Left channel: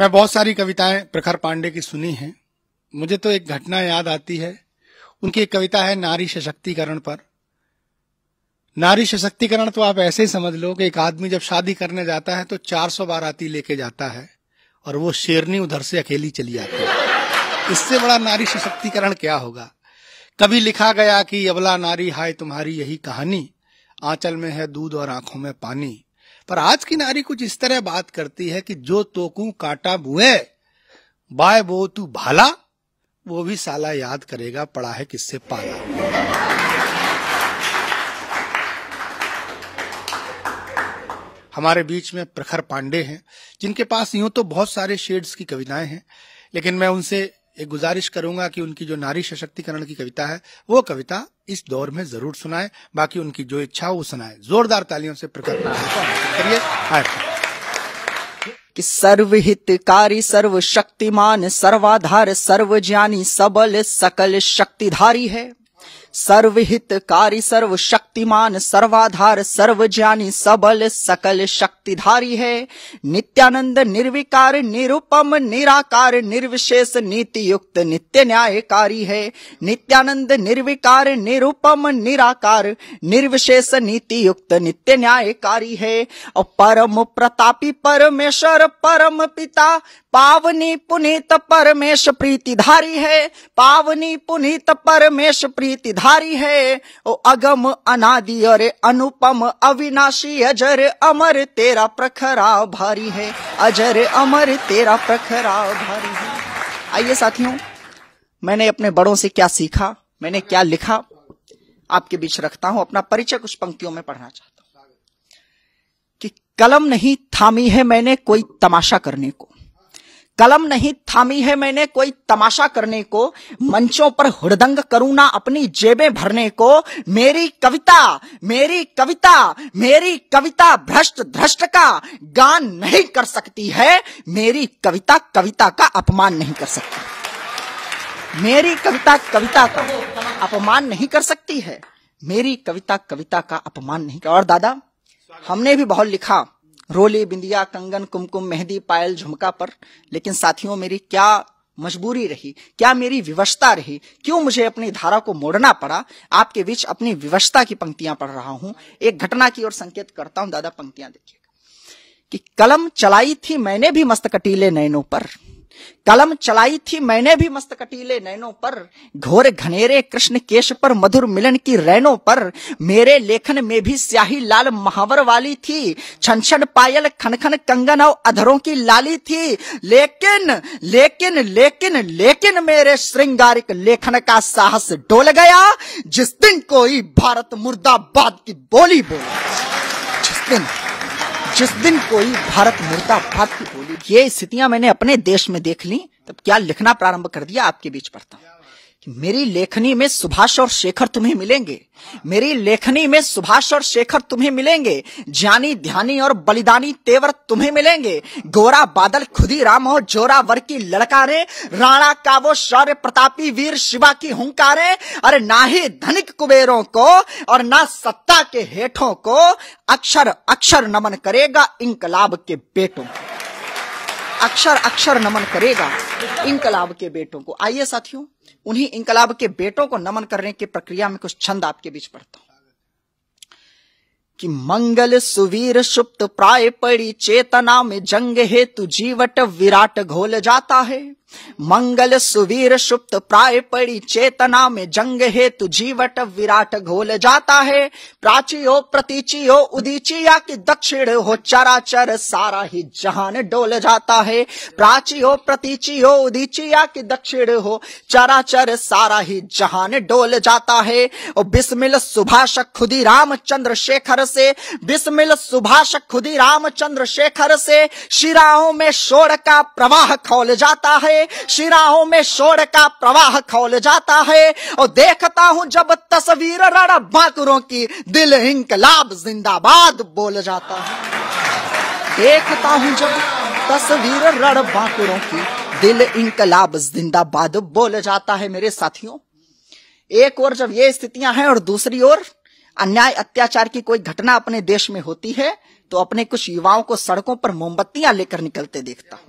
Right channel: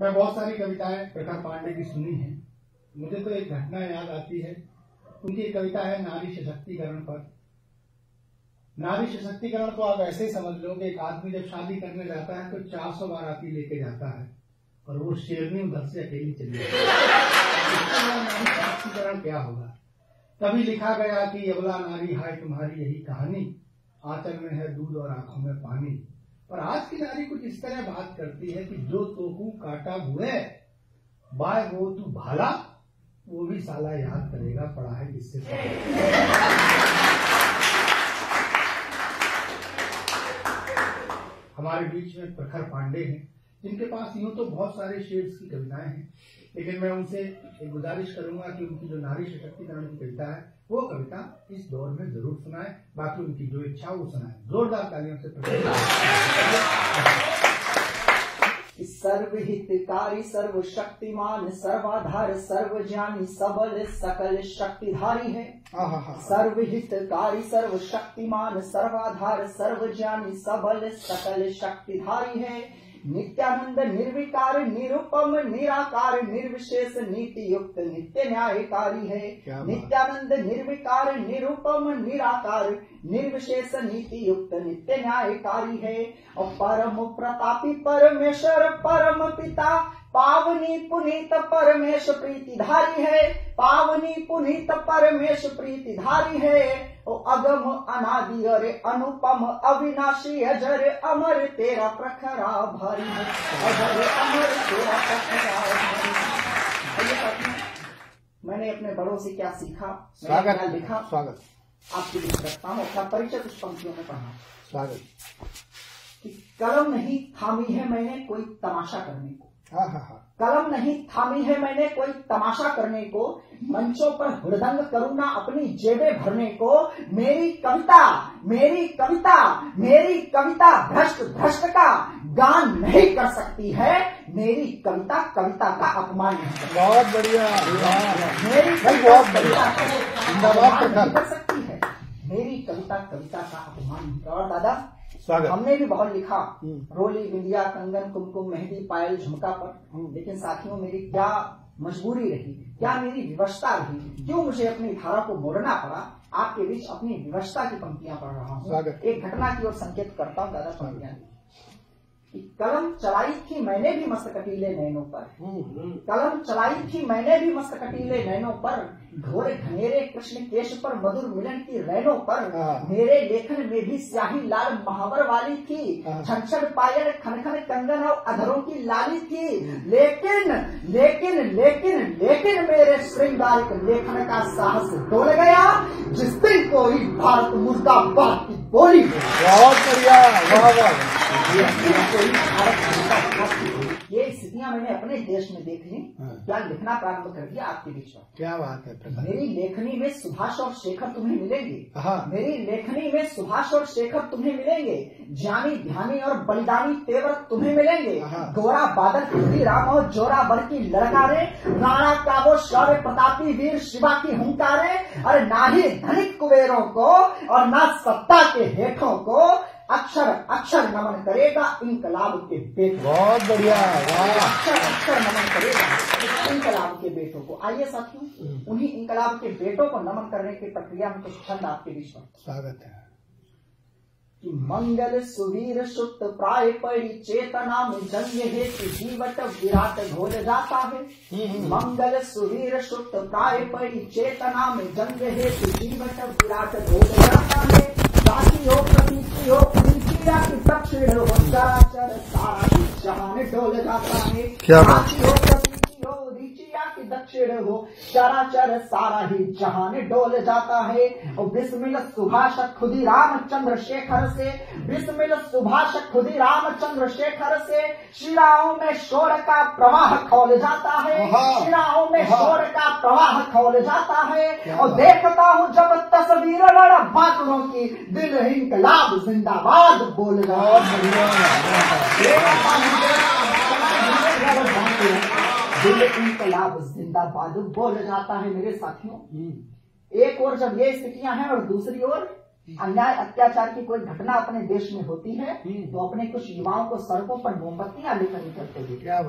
मैं बहुत सारी कविताएं प्रखर पांडे की सुनी हैं। मुझे तो एक घटना याद आती है। उनकी एक कविता है नारी सशक्तिकरण पर। नारी सशक्तिकरण तो आप ऐसे ही समझ लो कि एक आदमी जब शादी करने जाता है तो 400 बाराती लेके जाता है और वो शेरनी उधर से अकेली चली आती है। इससे बड़ा नारी सशक्तिकरण क्या होगा। कभी लिखा गया कि अबला नारी हाय तुम्हारी यही कहानी, आंचल में है दूध और आंखों में पानी। पर आज की नारी कुछ इस तरह बात करती है कि जो तोकू काटा बुए बाय बो तू भाला, वो भी साला याद करेगा पड़ा है किससे पाला। हमारे बीच में प्रखर पांडे हैं जिनके पास यूं तो बहुत सारे शेड्स की कविताएं हैं, लेकिन मैं उनसे एक गुजारिश करूंगा कि उनकी जो नारी सशक्तिकरण की कविता है वो कविता इस दौर में जरूर सुनाएं। बाकी उनकी जो इच्छा हो वो सुनाएं। जोरदार तालियों से प्रखर करिए। कि सर्वहितकारी सर्वशक्तिमान सर्वाधार सर्वज्ञानी सबल सकल शक्तिधारी है। सर्वहितकारी सर्वशक्तिमान सर्वाधार सर्वज्ञानी सबल सकल शक्तिधारी है। नित्यानंद निर्विकार निरुपम निराकार निर्विशेष नीति युक्त नित्य न्यायकारी है। नित्यानंद निर्विकार निरुपम निराकार निर्विशेष नीति युक्त नित्य न्यायकारी है। और परम प्रतापी परमेश्वर परम पिता पावनी पुनीत परमेश प्रीतिधारी है। पावनी पुनीत परमेश प्रीतिधारी है। ओ अगम अनादि और अनुपम अविनाशी अजर अमर तेरा प्रखरा भारी है। अजर अमर तेरा प्रखरा भारी है। आइए साथियों, मैंने अपने बड़ों से क्या सीखा, मैंने क्या लिखा, आपके बीच रखता हूं। अपना परिचय कुछ पंक्तियों में पढ़ना चाहता हूं कि कलम नहीं थामी है मैंने कोई तमाशा करने को। कलम नहीं थामी है मैंने कोई तमाशा करने को, मंचों पर हुड़दंग करूं ना अपनी जेबें भरने को। मेरी कविता मेरी कविता मेरी कविता भ्रष्ट धृष्ट का गान नहीं कर सकती है। मेरी कविता कविता का अपमान नहीं कर सकती। मेरी कविता कविता का अपमान नहीं कर सकती है। मेरी कविता कविता का अपमान नहीं कर। और दादा, हमने भी बहुत लिखा रोली बिंदिया कंगन कुमकुम मेहंदी पायल झुमका पर, लेकिन साथियों मेरी क्या मजबूरी रही, क्या मेरी विवशता रही, क्यों मुझे अपनी धारा को मोड़ना पड़ा। आपके बीच अपनी विवशता की पंक्तियां पढ़ रहा हूं। एक घटना की ओर संकेत करता हूं। दादा, पंक्तियां देखिए कि कलम चलाई थी मैंने भी मस्त कटीले नैनों पर। कलम चलाई थी मैंने भी मस्त कटीले नैनों पर, घोर घनेरे कृष्ण केश पर मधुर मिलन की रैनों पर। मेरे लेखन में भी स्याही लाल महावर वाली थी, छन छन पायल खन खन कंगन और अधरों की लाली थी। लेकिन लेकिन लेकिन लेकिन मेरे श्रृंगारिक लेखन का साहस डोल गया जिस दिन कोई भारत मुर्दाबाद की बोली जिस दिन कोई भारत मुर्दाबाद की बोली। ये स्थितियां मैंने अपने देश में देख ली, तब क्या लिखना प्रारंभ कर दिया। आपके बीच पढ़ता हूं। मेरी लेखनी में सुभाष और शेखर तुम्हें मिलेंगे। मेरी लेखनी में सुभाष और शेखर तुम्हें मिलेंगे। ज्ञानी ध्यानी और बलिदानी तेवर तुम्हें मिलेंगे। गोरा बादल खुदीराम हो जोरावर की लड़कारे, राणा का वो शौर्य प्रतापी वीर शिवा की हुंकारे। अरे ना ही धनिक कुबेरों को और ना सत्ता के हेठों को अक्षर अक्षर नमन करेगा इंकलाब के बेटों। अक्षर अक्षर नमन करेगा इंकलाब के बेटों को। आइए साथियों, उन्हीं इंकलाब के बेटों को नमन करने की प्रक्रिया में कुछ छंद आपके बीच पढ़ता हूं कि मंगल सुवीर सुप्त प्राय पड़ी चेतना में जंग हेतु जीवट विराट घोल जाता है। मंगल सुवीर सुप्त प्राय पड़ी चेतना में जंग हेतु जीवट विराट घोल जाता है। प्राची हो प्रतीची हो उदीचिया की दक्षिण हो चराचर सारा ही जहान डोल जाता है। प्राची हो प्रतीची हो उदीचिया की दक्षिण हो चराचर सारा ही जहान डोल जाता है। और बिस्मिल सुभाष खुदी रामचंद्र शेखर से, बिस्मिल सुभाष खुदी रामचंद्र शेखर से शिराओं में शोर का प्रवाह खौल जाता है। शिराओं में शोर का प्रवाह खौल जाता है। और देखता हूं जब तस्वीर रण बांकुरों की, दिल इंकलाब जिंदाबाद बोल जाता है। देखता हूं जब तस्वीर रण बांकुरों की, दिल इंकलाब जिंदाबाद बोल जाता है। मेरे साथियों, एक ओर जब ये स्थितियां हैं और दूसरी ओर अन्याय अत्याचार की कोई घटना अपने देश में होती है तो अपने कुछ युवाओं को सड़कों पर मोमबत्तियां लेकर निकलते देखते हैं।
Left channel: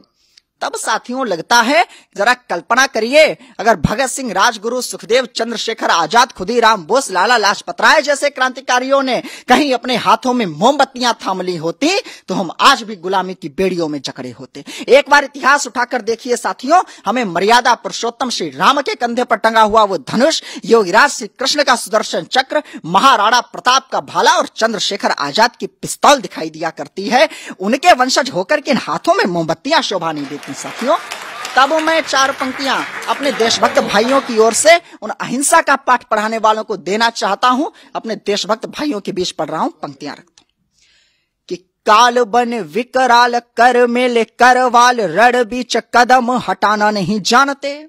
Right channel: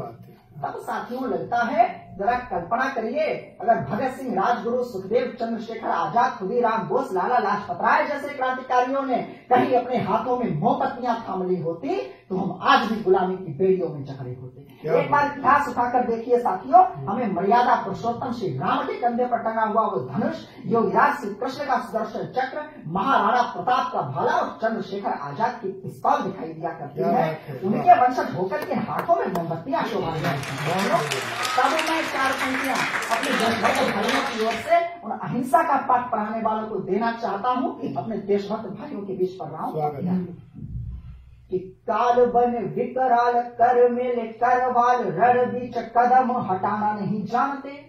तब साथियों लगता है, जरा कल्पना करिए, अगर भगत सिंह, राजगुरु, सुखदेव, चंद्रशेखर आजाद, खुदीराम बोस, लाला लाजपत राय जैसे क्रांतिकारियों ने कहीं अपने हाथों में मोमबत्तियां थाम ली होती तो हम आज भी गुलामी की बेड़ियों में जकड़े होते। एक बार इतिहास उठाकर देखिए साथियों, हमें मर्यादा पुरुषोत्तम श्री राम के कंधे पर टंगा हुआ वो धनुष, योगीराज श्री कृष्ण का सुदर्शन चक्र, महाराणा प्रताप का भाला और चंद्रशेखर आजाद की पिस्तौल दिखाई दिया करती है। उनके वंशज होकर के इन हाथों में मोमबत्तियां शोभा नहीं देती साथियों। तब मैं 4 पंक्तियां अपने देशभक्त भाइयों की ओर से उन अहिंसा का पाठ पढ़ाने वालों को देना चाहता हूं। अपने देशभक्त भाइयों के बीच पढ़ रहा हूं पंक्तियां कि काल बन विकराल कर मेले करवाल रण बीच कदम हटाना नहीं जानते।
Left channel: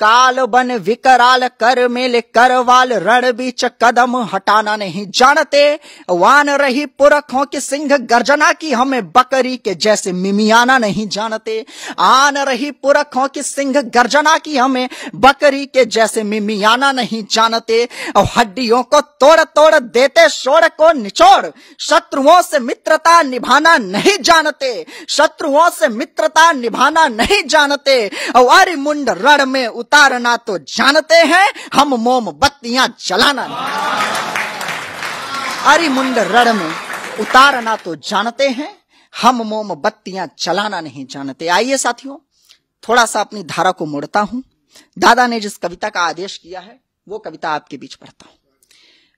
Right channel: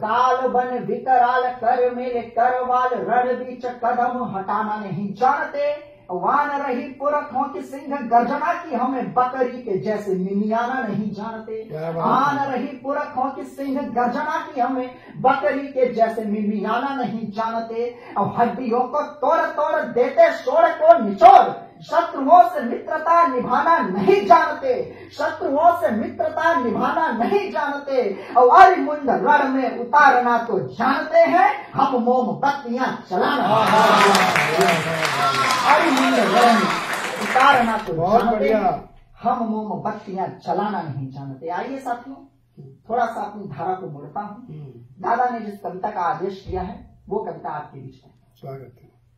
काल बन विकराल कर मेले करवाल रण बीच कदम हटाना नहीं जानते। वान रही पुरखों की सिंह गर्जना की हमें बकरी के जैसे मिमियाना नहीं जानते। आन रही पुरखों की सिंह गर्जना की हमें बकरी के जैसे मिमियाना नहीं जानते। और हड्डियों को तोड़ तोड़ देते शोर को निचोड़, शत्रुओं से मित्रता निभाना नहीं जानते। शत्रुओं से मित्रता निभाना नहीं जानते। और मुंड रण में उतारना तो जानते हैं, हम मोमबत्तियां जलाना। अरे मुंड रण में उतारना तो जानते हैं, हम मोमबत्तियां जलाना नहीं जानते। आइए साथियों, थोड़ा सा अपनी धारा को मोड़ता हूं। दादा ने जिस कविता का आदेश किया है वो कविता आपके बीच पढ़ता हूं।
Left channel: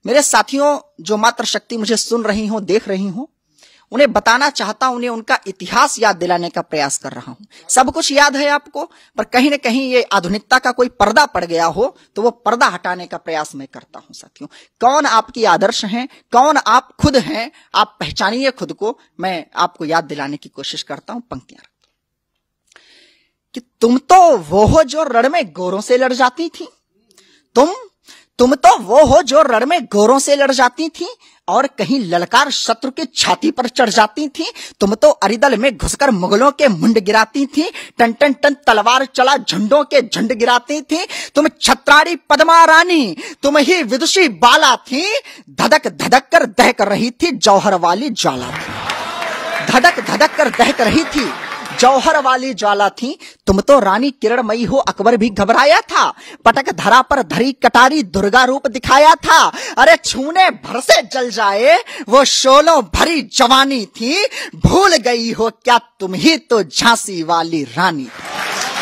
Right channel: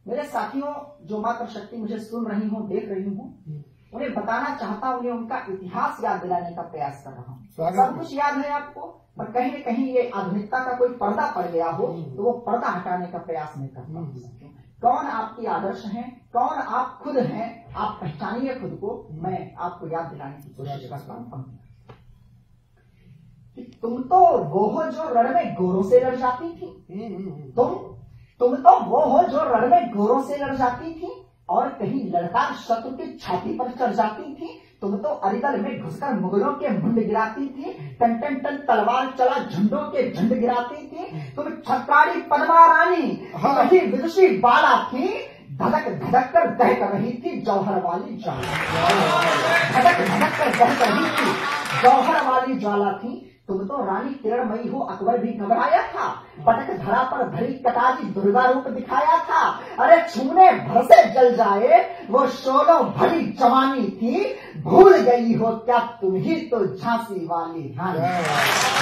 मेरे साथियों, जो मात्र शक्ति मुझे सुन रही हो, देख रही हो, उन्हें बताना चाहता हूं, उन्हें उनका इतिहास याद दिलाने का प्रयास कर रहा हूं। सब कुछ याद है आपको, पर कहीं ना कहीं ये आधुनिकता का कोई पर्दा पड़ गया हो तो वो पर्दा हटाने का प्रयास मैं करता हूं साथियों। कौन आपकी आदर्श हैं, कौन आप खुद हैं, आप पहचानिए खुद को। मैं आपको याद दिलाने की कोशिश करता हूं। पंक्तियां कि तुम तो वो हो जो रण में गोरों से लड़ जाती थी। तुम तो वो हो जो रण में गोरों से लड़ जाती थी और कहीं ललकार शत्रु की छाती पर चढ़ जाती थी। तुम तो अरिदल में घुसकर मुगलों के मुंड गिराती थी। टन टन टन तलवार चला झंडों के झंड गिराती थी। तुम छत्राड़ी पद्मा रानी, तुम ही विदुषी बाला थी। धधक धधक कर दहक रही थी जौहर वाली ज्वाला। धधक धधक कर दहक रही थी जौहर वाली ज्वाला थी। तुम तो रानी किरणमयी हो, अकबर भी घबराया था। पटक धरा पर धरी कटारी दुर्गा रूप दिखाया था। अरे छूने भर से जल जाए वो शोलों भरी जवानी थी। भूल गई हो क्या तुम ही तो झांसी वाली रानी।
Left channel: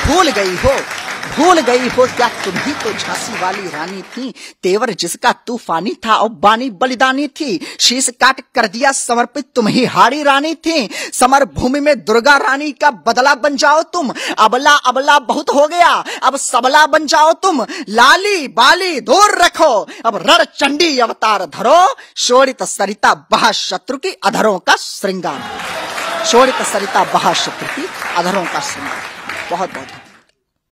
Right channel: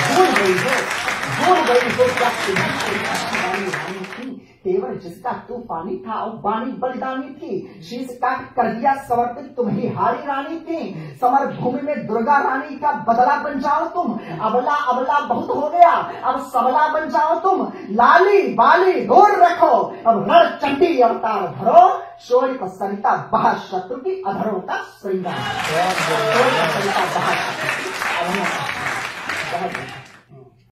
भूल गई हो क्या तुम ही तो झांसी वाली रानी थी। तेवर जिसका तूफानी था और बानी बलिदानी थी। शीश काट कर दिया समर्पित तुम ही हारी रानी थी। समर भूमि में दुर्गा रानी का बदला बन जाओ तुम। अबला अबला बहुत हो गया, अब सबला बन जाओ तुम। लाली बाली दूर रखो, अब रण चंडी अवतार धरो। शोरित सरिता बहा शत्रु की अधरों का श्रृंगार। शोरित सरिता बहा शत्रु की अधरों का श्रृंगार। बहुत बहुत